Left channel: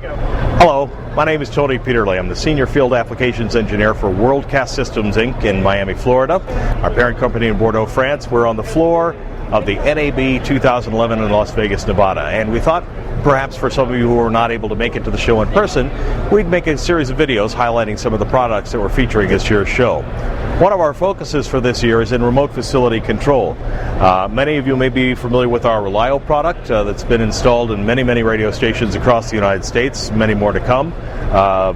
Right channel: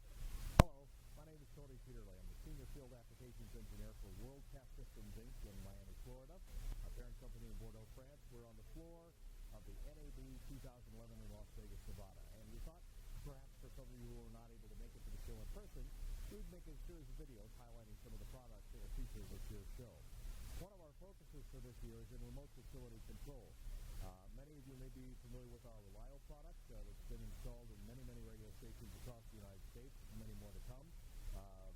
Hello, my name is Tony Peterle. I'm the Senior Field Applications Engineer for WorldCast Systems, Inc. in Miami, Florida. Our parent company in Bordeaux, France. We're on the floor of the NAB2011 in Las Vegas, Nevada. And we thought perhaps for some of you who were not able to make it to the show in person, we'd make a series of videos highlighting some of the products that we're featuring this year's show. One of our focuses for this year is in remote facility control. Many of you may be familiar with our Relio product that's been installed in many radio stations across the United States, many more to come.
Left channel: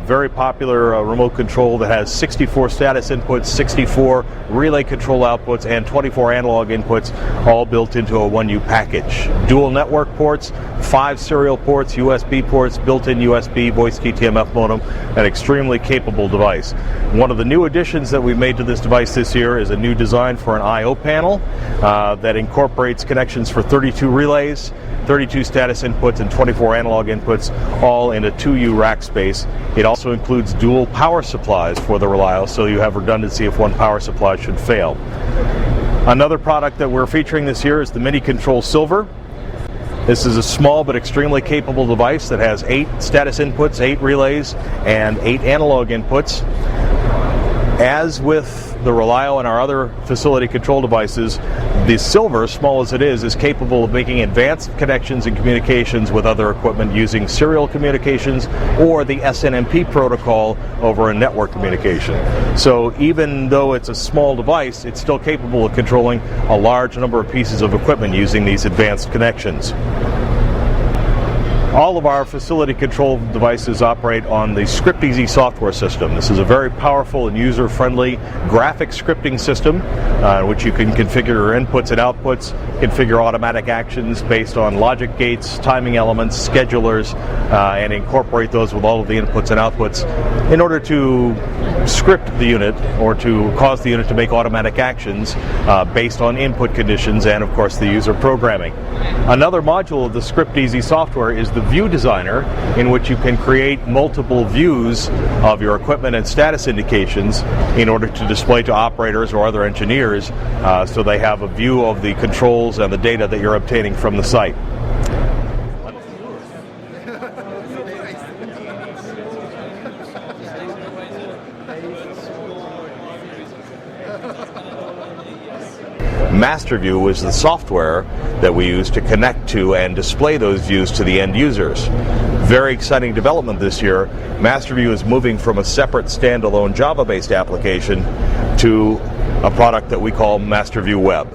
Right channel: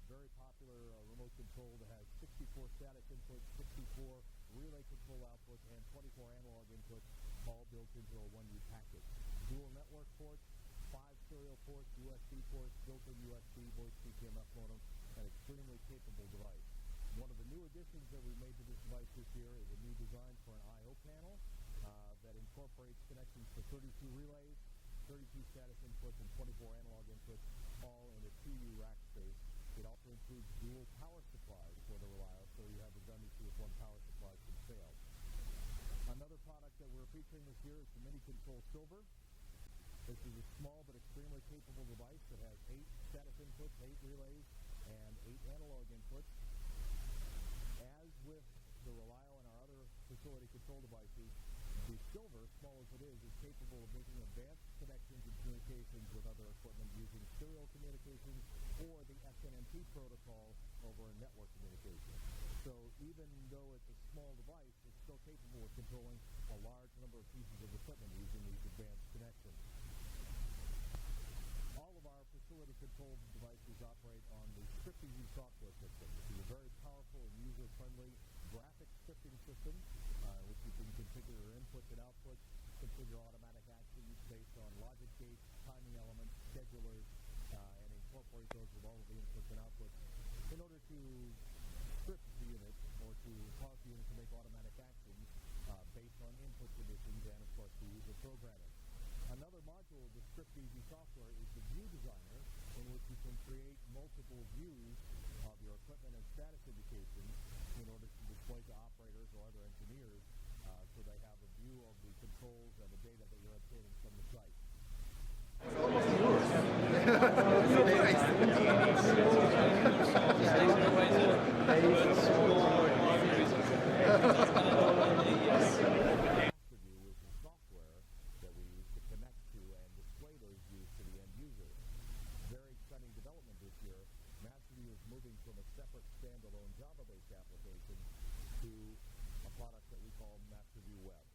Very popular remote control that has 64 status inputs, 64 relay control outputs, and 24 analog inputs, all built into a 1U package. Dual network ports, 5 serial ports, USB ports, built-in USB, voice TTMF modem, an extremely capable device. One of the new additions that we've made to this device this year is a new design for an I/O panel that incorporates connections for 32 relays, 32 status inputs, and 24 analog inputs, all in a 2U rack space. It also includes dual power supplies for the Relio, so you have redundancy if one power supply should fail. Another product that we're featuring this year is the Mini Control Silver. This is a small but extremely capable device that has 8 status inputs, 8 relays, and 8 analog inputs. As with the Relio and our other facility control devices, the Silver, small as it is capable of making advanced connections and communications with other equipment using serial communications or the SNMP protocol over a network communication. So even though it's a small device, it's still capable of controlling a large number of pieces of equipment using these advanced connections. All of our facility control devices operate on the ScriptEasy software system. This is a very powerful and user-friendly graphic scripting system in which you can configure your inputs and outputs, configure automatic actions based on logic gates, timing elements, schedulers, and incorporate those with all of the inputs and outputs in order to script the unit or to cause the unit to make automatic actions based on input conditions and, of course, the user programming. Another module of the ScriptEasy software is the View Designer, in which you can create multiple views of your equipment and status indications in order to display to operators or other engineers so they have a view of the controls and the data that you're obtaining from the site. MasterView is the software that we use to connect to and display those views to the end users. Very exciting development this year. MasterView is moving from a separate standalone Java-based application to a product that we call MasterView Web.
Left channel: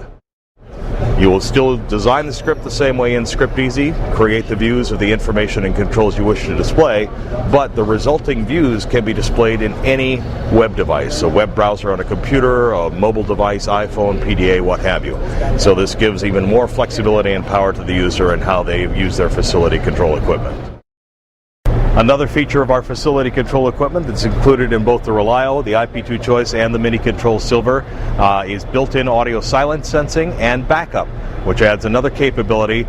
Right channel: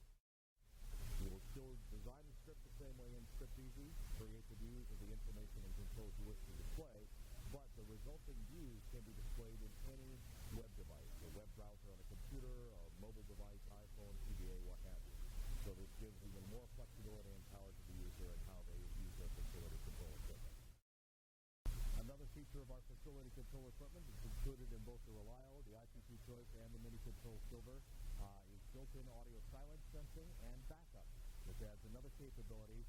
You will still design the script the same way in ScriptEasy, create the views of the information and controls you wish to display, but the resulting views can be displayed in any web device, a web browser on a computer, a mobile device, iPhone, PDA, what have you. So this gives even more flexibility and power to the user in how they use their facility control equipment. Another feature of our facility control equipment that's included in both the Relio, the IP2 Choice, and the Mini Control Silver is built-in audio silence sensing and backup, which adds another capability,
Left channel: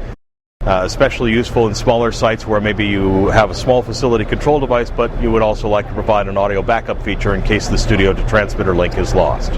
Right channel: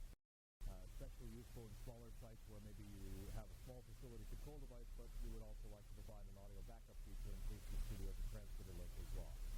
especially useful in smaller sites where maybe you have a small facility control device, but you would also like to provide an audio backup feature in case the studio to transmitter link is lost.